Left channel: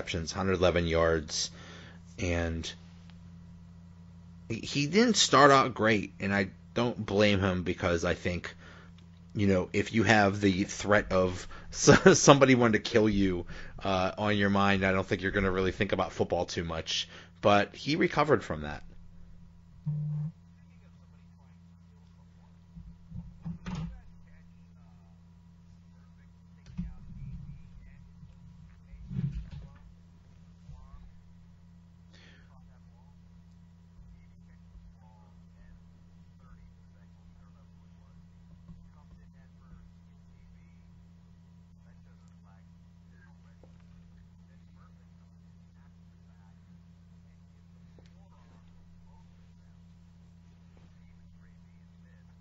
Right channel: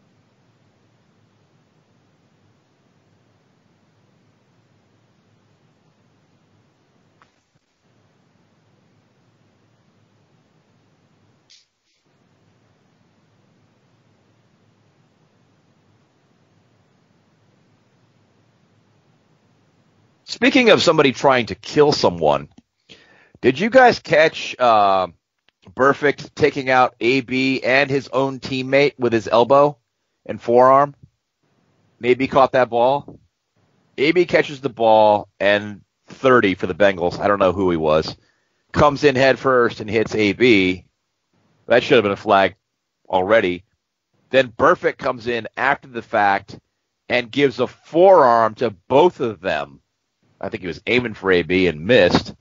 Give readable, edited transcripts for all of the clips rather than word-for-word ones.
receptions, 111 yards, and he didn't start out great, and I don't blame him because I think, if you have the threat of somebody wanting to kill you on your mind, I don't think you're going to really think about football too much. But he recovered from that. Speaking of somebody trying to kill someone, did you guys catch Burfict taking out AB and his own teammate with his elbow and forearm? Maybe caught that ball. AB catches the ball, and 30 for the Bengals, I don't know who he was, comes in head first and hits AB. That should have been a flag already. Then Burfict comes in after the fact and gives a forearm to both of them. I think he was aiming for AB and missed.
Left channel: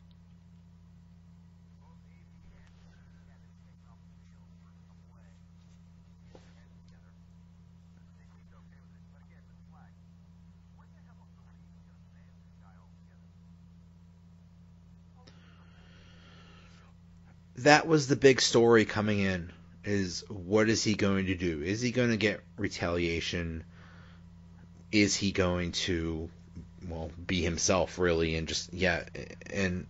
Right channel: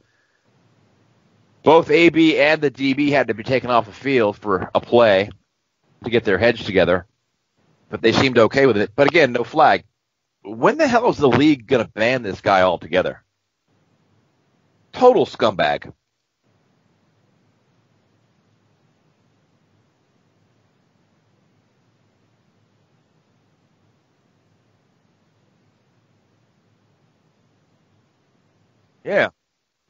Both AB and the DB had to be taken off the field for a play to get their heads together, but they seemed okay with it. But again, no flag. When the hell is the league going to ban this guy altogether? Total scumbag. That was the big story coming in, is what is he going to do? Is he going to get retaliation? Is he going to, be himself, really, and just, Yeah. And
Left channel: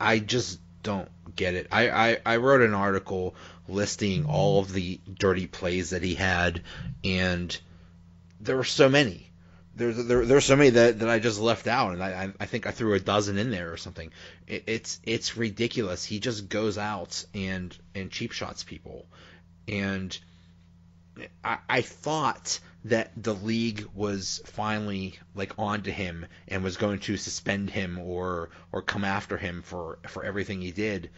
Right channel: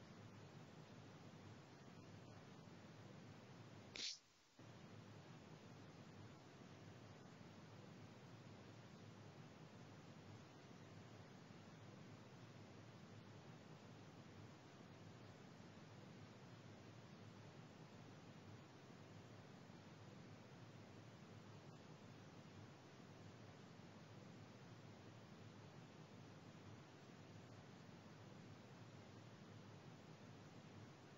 I just don't get it. I wrote an article listing all of the dirty plays that he had, and there were so many. There's so many that I just left out, and I think I threw a dozen in there or something. It's ridiculous. He just goes out and cheap shots people, and I thought that the league was finally onto him and was going to suspend him or come after him for everything he did,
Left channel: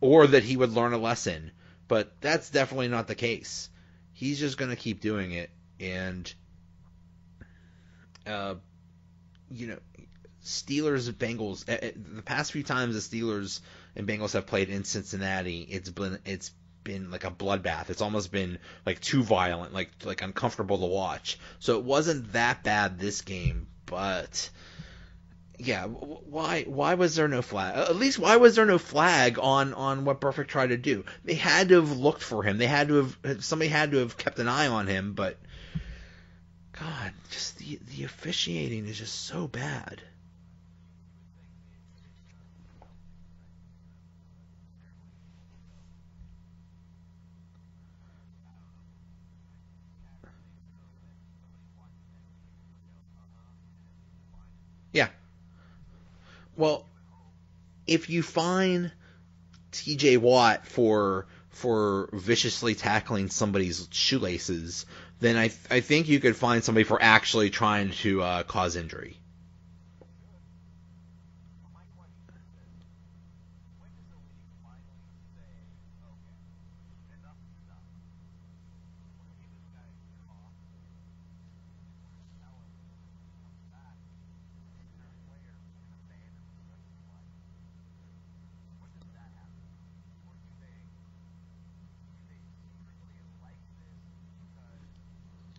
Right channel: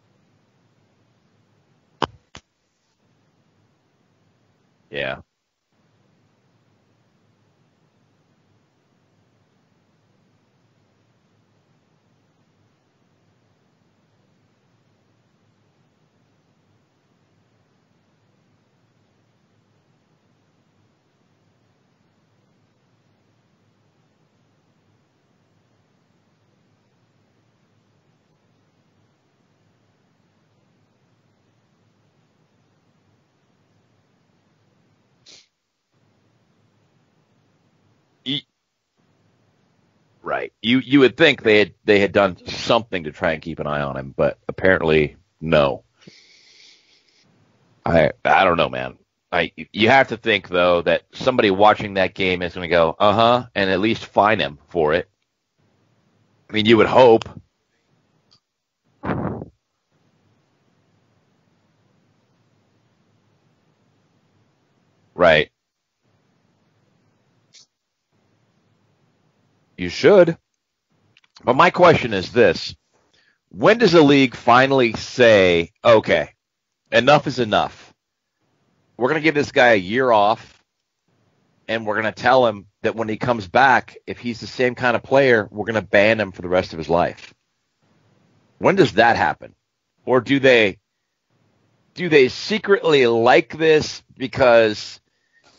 or that he would learn a lesson. But that's definitely not the case. He's just going to keep doing it, and Steelers-Bengals. The past few times the Steelers and Bengals have played in Cincinnati, it's been like a bloodbath. It's almost been too violent, like uncomfortable to watch. So it wasn't that bad this game, but yeah, why was there no flag? At least why was there no flag on what Burfict tried to do? They had to have looked for him. Somebody had to have kept an eye on him, but God, just the officiating is just so bad. Right. You would think they had done something to try and keep an eye on him, but apparently no. I don't know, man. You have to think, though, that somebody watching that game is going to go, and at least fine him for it. Yeah. I mean, you would hope. If you fine T.J. Watt for viciously tackling somebody's shoelaces, right? I think you could find somebody for actually trying to cause injury. You should. But my question is this. When does the league finally say, okay, enough is enough? We're going to give this guy a year off, and we're going to tell him that when he comes back, if he's the same kind of player, we're going to ban him for the rest of his life. When does that happen? Or do they secretly like this because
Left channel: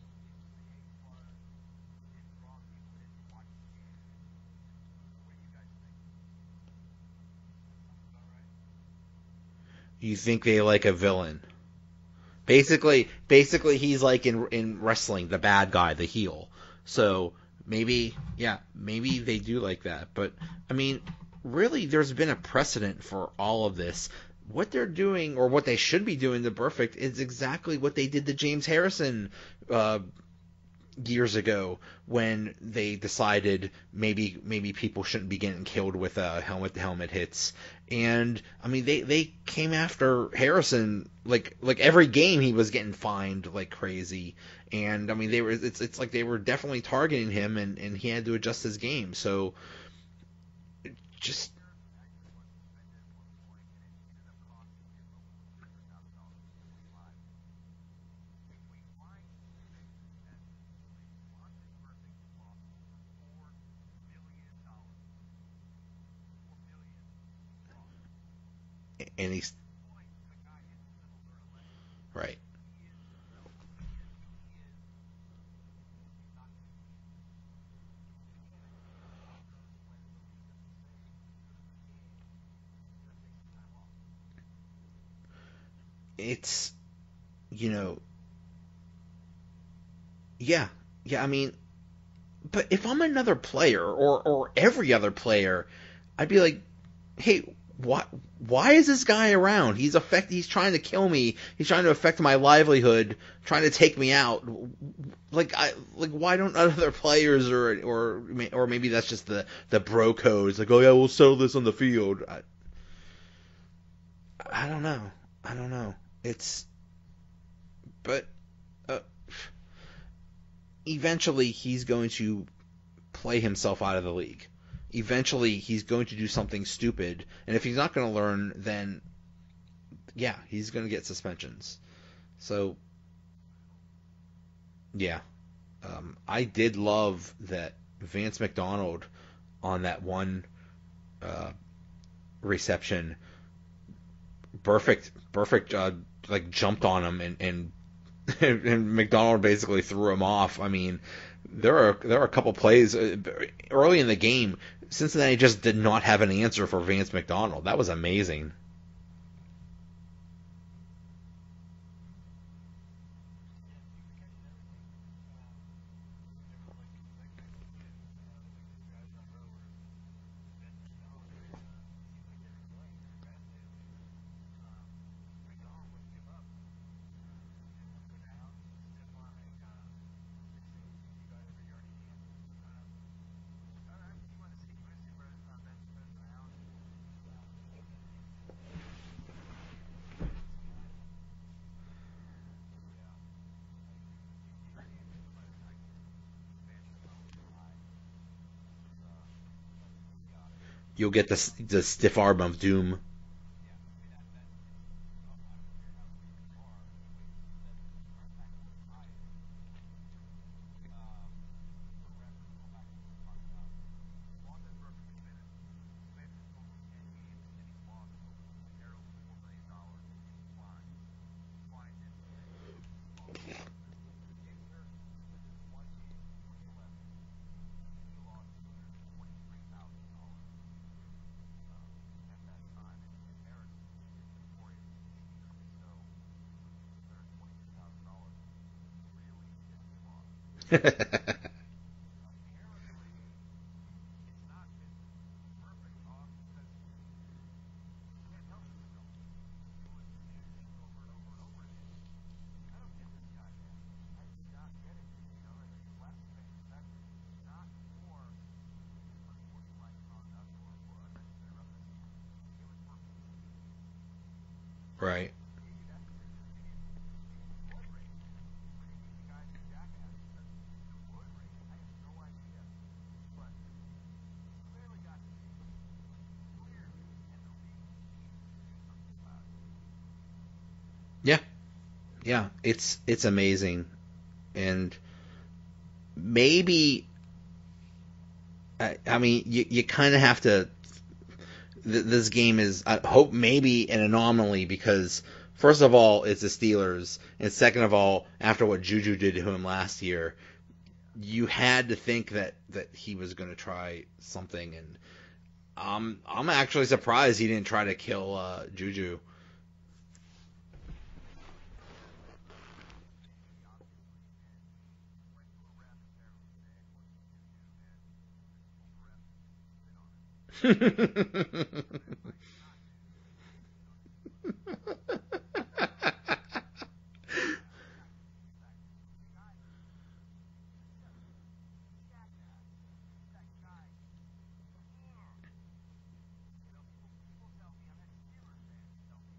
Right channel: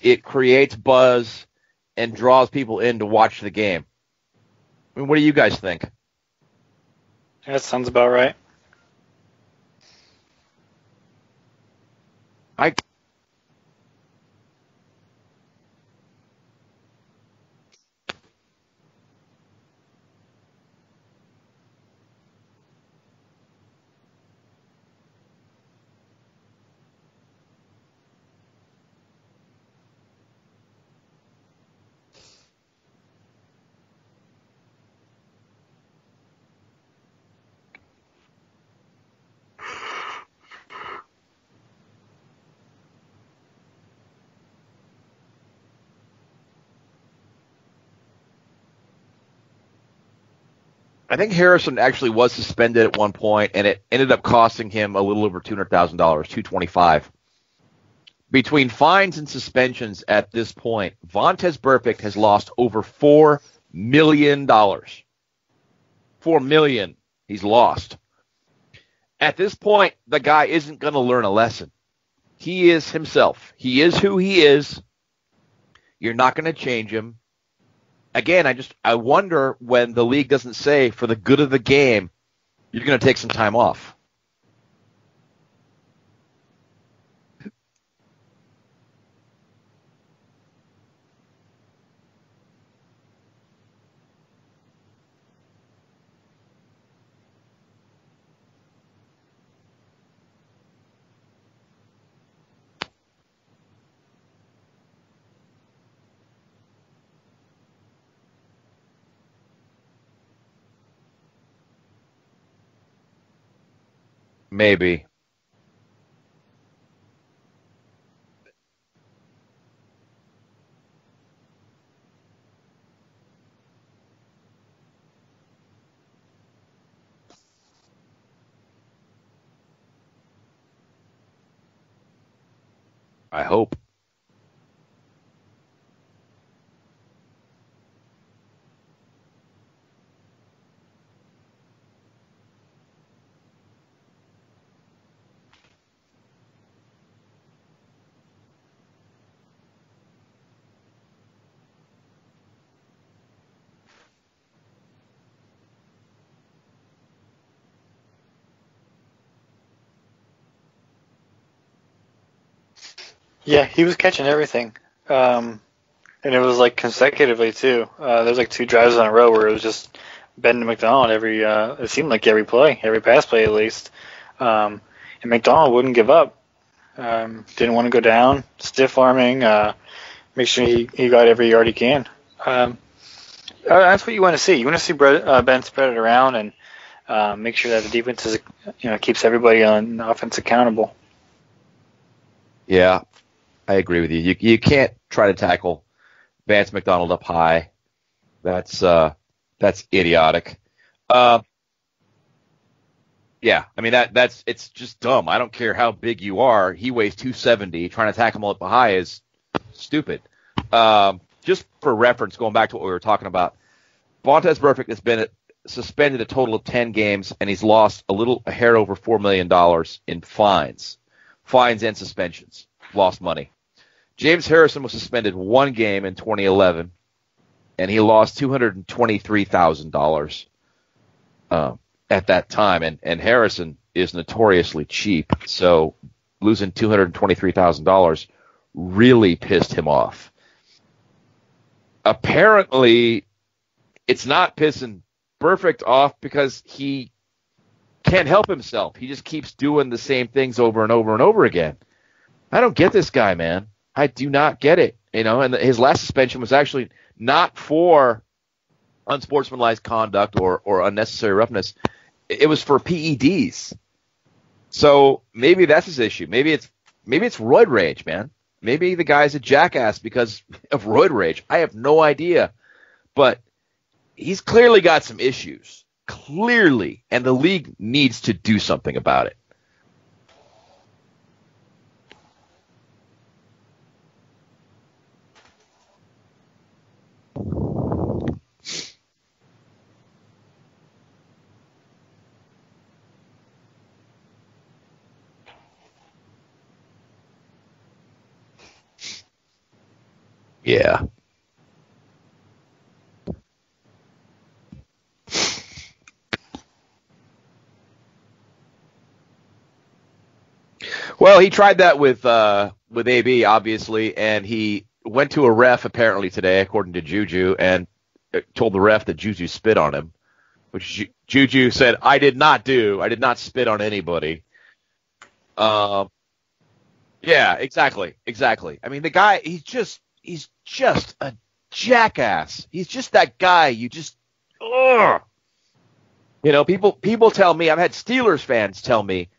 it creates buzz and draws people in to watch the game? I mean, what do you guys think? That sounds about right. You think they like a villain? Basically, he's like in wrestling, the bad guy, the heel. So maybe they do like that. But I mean, really, there's been a precedent for all of this. What they're doing, or what they should be doing to Burfict, is exactly what they did to James Harrison years ago, when they decided maybe people shouldn't be getting killed with helmet-to-helmet hits. And I mean, they came after Harrison like every game he was getting fined like crazy. And I mean, it's like they were definitely targeting him, and he had to adjust his game. So I think Harrison actually was suspended at one point, and it ended up costing him a little over $200,000, $225,000. Between fines and suspensions at this point, Vontaze Burfict has lost over $4 million. $4 million he's lost. At this point, the guy isn't going to learn a lesson. Right. He is himself. He is who he is. You're not going to change him. Again, I wonder when the league doesn't say, for the good of the game, you're going to take some time off. It's, yeah, yeah. I mean, but if I'm another player or every other player, I'd be like, hey, why is this guy around? He's trying to kill me. He's trying to affect my livelihood, trying to take me out. Like why don't other players or maybe that's just the bro code. It's like, oh yeah, we'll settle this on the field. Maybe. I don't know. It's but uh, eventually he's going to play himself out of the league. Eventually he's going to do something stupid, and if he's not going to learn, then yeah, he's going to get suspensions. So I hope. yeah, I did love that Vance McDonald on that one reception, perfect, like jumped on him and and McDonald basically threw him off. I mean, there are a couple plays early in the game. Cincinnati just did not have an answer for Vance McDonald. That was amazing. Yeah, he was catching everything. And it was like consecutively too. There's like 2 drives in a row where it was just Ben to McDonald it seemed like every play, every pass play at least. And McDonald wouldn't give up. Didn't want to go down, stiff arming, make sure he got every yard he can. That's what you want to see. You want to see Ben spread it around and make sure that the defense is, keeps everybody on offense accountable. Yeah, I agree with you. You can't try to tackle Vance McDonald up high. That's idiotic. You'll get the stiff arm of doom. Yeah, I mean it's just dumb. I don't care how big you are. He weighs 270. Trying to tackle him up high is stupid. Just for reference, going back to what we were talking about, Vontaze Burfict has been suspended a total of 10 games, and he's lost a hair over $4 million in fines and suspensions. Lost money. James Harrison was suspended 1 game in 2011, and he lost $223,000 at that time. And Harrison is notoriously cheap, so losing $223,000 really pissed him off. Apparently, it's not pissing Burfict off because he can't help himself. He just keeps doing the same things over and over and over again. I don't get this guy, man. I do not get it. And his last suspension was actually not for unsportsmanlike conduct or unnecessary roughness. It was for PEDs. So Right. Maybe that's his issue. Maybe it's roid rage, man. Maybe the guy's a jackass because of roid rage. I have no idea. But he's clearly got some issues. Clearly. And the league needs to do something about it. Yeah, it's amazing, and maybe I mean you kind of have to. This game is, I hope, maybe an anomaly because first of all it's the Steelers, and second of all, after what Juju did to him last year, Yeah. you had to think that he was going to try something, and I'm actually surprised he didn't try to kill Juju. Well, he tried that with AB, obviously, and he went to a ref apparently today, according to Juju, and told the ref that Juju spit on him, which Juju said, I did not spit on anybody. Yeah, exactly. I mean, the guy, he's just a jackass. He's just that guy. You just, ugh. People tell me, I've had Steelers fans tell me,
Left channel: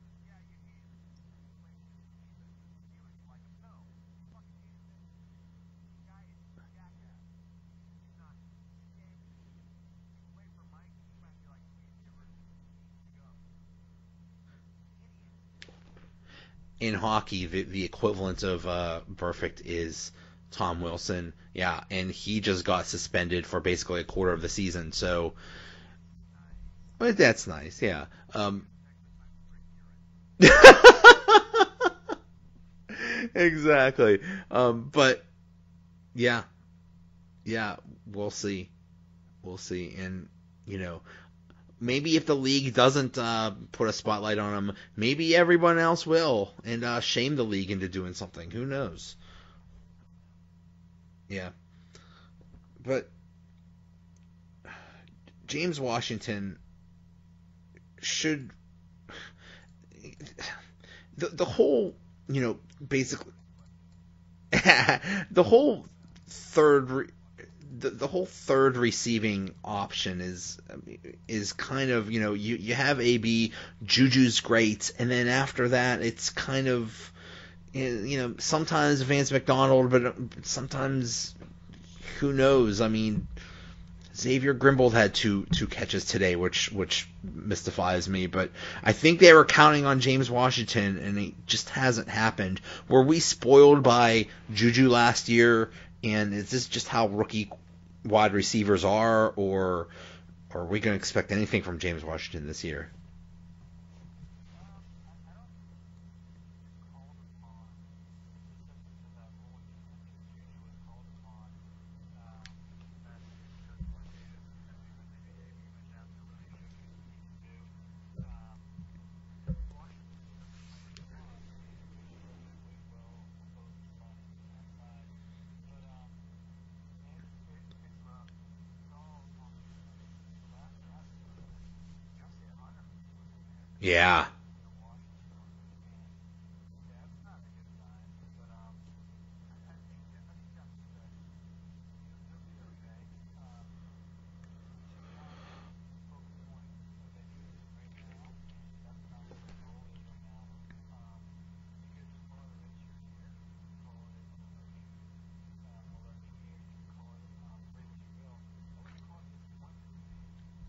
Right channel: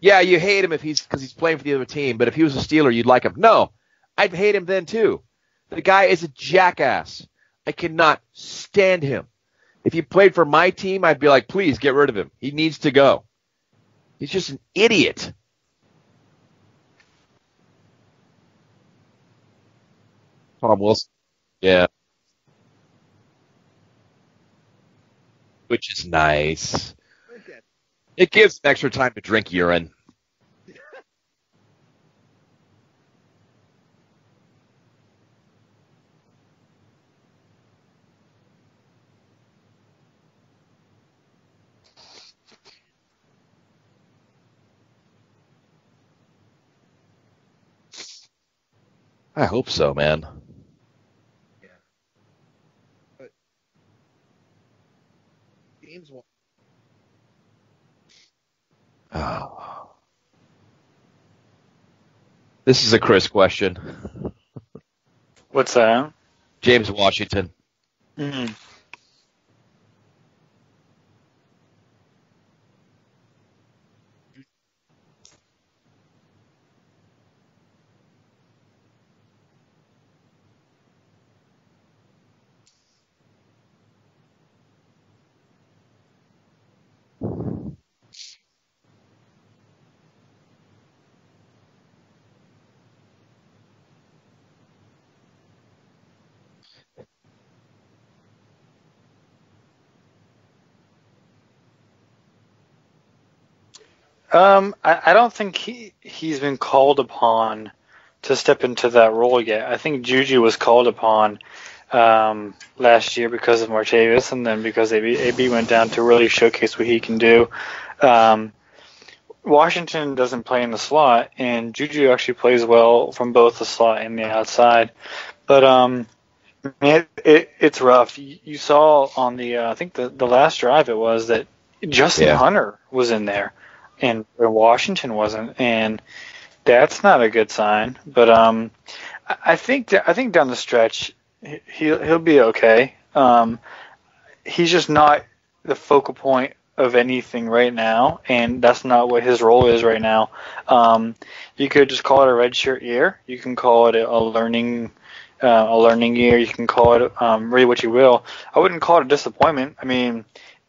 yeah, you hate him because he's playing for the other team, but if he was a Steeler, you'd like him. No, I'd hate him then too. The guy is a jackass. I cannot stand him. If he played for my team, I'd be like, please get rid of him. He needs to go. He's just an idiot. In hockey, the equivalent of Burfict is Tom Tom Wilson. Wilson. Yeah. And he just got suspended for basically a quarter of the season. So, Which is nice. but that's nice, yeah. It gives extra time to drink urine. Exactly. But yeah, we'll see, and maybe if the league doesn't put a spotlight on him, maybe everyone else will, and shame the league into doing something. Who knows? I hope so, man. Yeah. But James Washington should Oh. the whole, This is a Chris question. the whole What's that? James Washington. The whole third receiving option is kind of, you have AB, Juju's great, and then after that it's kind of, sometimes Vance McDonald, but sometimes who knows? I mean, Xavier Grimbold had two catches today, which mystifies me. But I think they were counting on James Washington, and it just hasn't happened. Were we spoiled by Juju last year, and is this just how rookie wide receivers are, or are we going to expect anything from James Washington this year? I don't think he's been called upon to step into that role yet. I think Juju was called upon last year because of Martavis, and then because AB went down to really showcase what he can do. Washington doesn't play in the slot, and Juju actually plays well from both the slot and the outside. But it's rough. You saw on the I think the last drive it was that Justin Hunter was in there, and Washington wasn't, and that's not a good sign. But I think down the stretch he'll be okay. He's just not the focal point of anything right now, and that's not what his role is right now. You could just call it a redshirt year. You can call it a learning year. You can call it really what you will. I wouldn't call it a disappointment. I mean,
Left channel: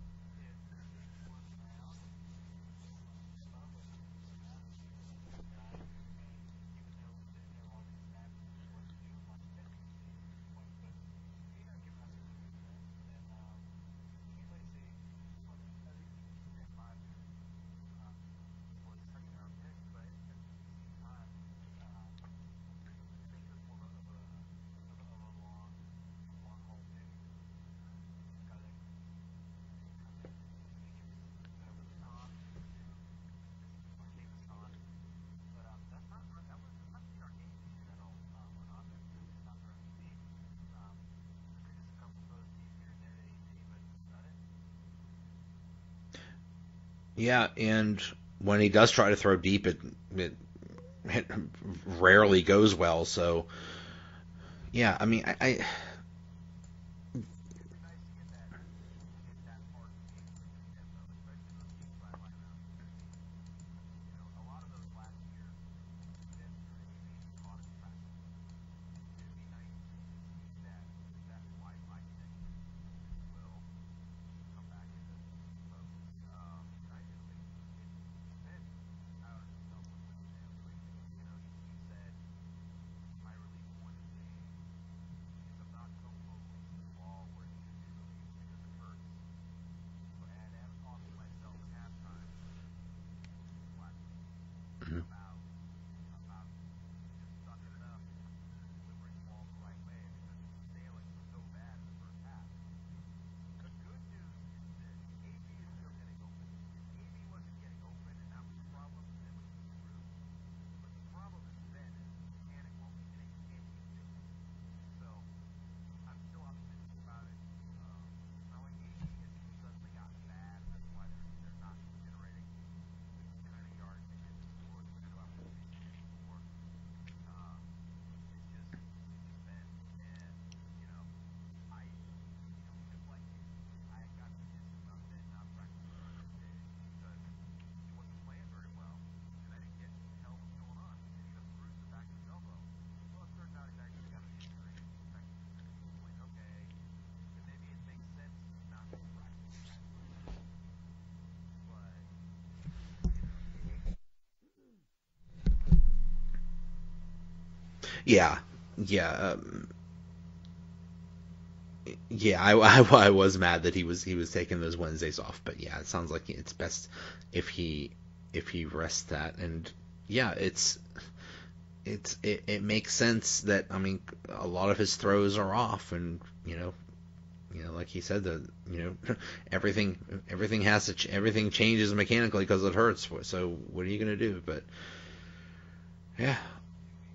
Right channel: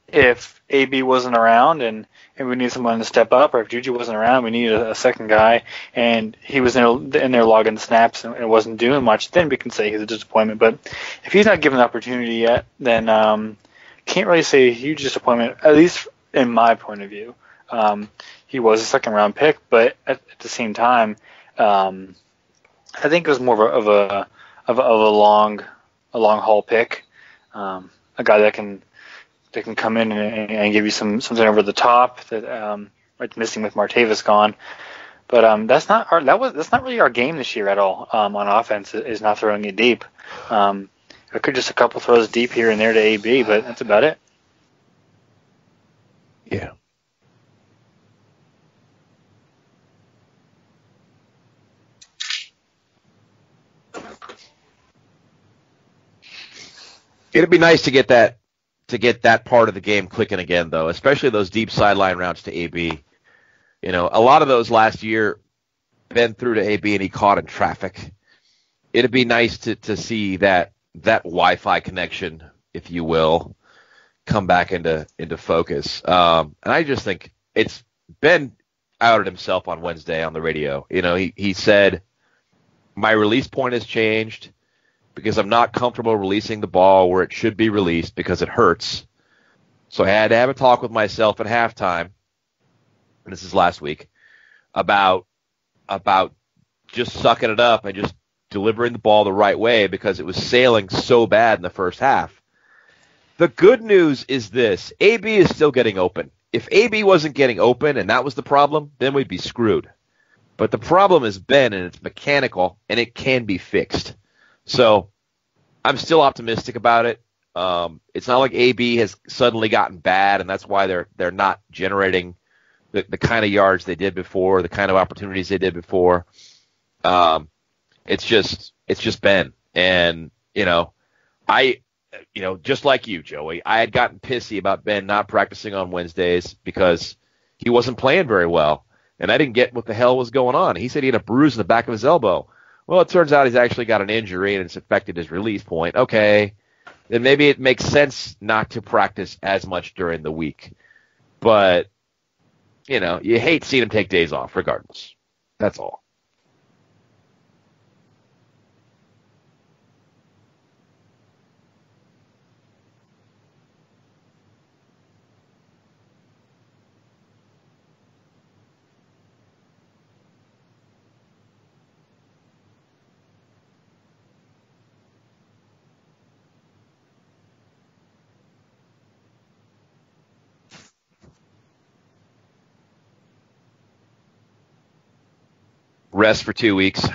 if AB wasn't around and we need someone to step up, or if Juju wasn't around, we needed a second guy, and he was in there logging snaps and wasn't doing much, then we can say he's a disappointment. But if he's not given the opportunity yet, then can't really say a huge disappointment, at least in my point of view. He was a second-round pick, but at the same time, I think it was more of a long haul pick, a guy that can come in and give you something over the top that it's missing with Martavis gone. But that's not really our game this year at all. On offense, is not throwing it deep. It could just a couple throws deep here and there to AB, but that's about it. Yeah, and when he does try to throw deep, it rarely goes well. So yeah, I mean, it'd be nice to get that part of the game clicking again, though, especially those deep sideline routes to AB. A lot of those last year been through to AB and he caught in traffic. It'd be nice to see that Wi-Fi connection, if you will, come back into focus. And I just think it's Ben outed himself on Wednesday on the radio. He said, my release point has changed because I'm not comfortable releasing the ball where it should be released because it hurts. So I had to have a talk with myself at halftime, and this is last week, about just sucking it up and just delivering the ball the right way because it was sailing so bad in the first half. The good news is this. AB is still getting open. If AB wasn't getting open and that was the problem, then we'd be screwed. But the problem is Ben, and it's mechanical, and it can be fixed. So I'm still optimistic about it. It's not like AB has suddenly gotten bad, and that's why they're not generating the kind of yards they did before, the kind of opportunities they did before. It's just Ben. And, just like you, Joey, I had gotten pissy about Ben not practicing on Wednesdays because he wasn't playing very well. And I didn't get what the hell was going on. He said he had a bruise in the back of his elbow. Well, it turns out he's actually got an injury and it's affected his release point. Okay, then maybe it makes sense not to practice as much during the week. But, you hate seeing him take days off regardless. That's all. Yeah. I was mad that he was taking those Wednesdays off, but yeah, it sounds like it's best if he rests that. And yeah, it makes sense that, I mean, a lot of his throws are off, and like he said, everything changes mechanically because it hurts. So what are you gonna do? But rest for 2 weeks.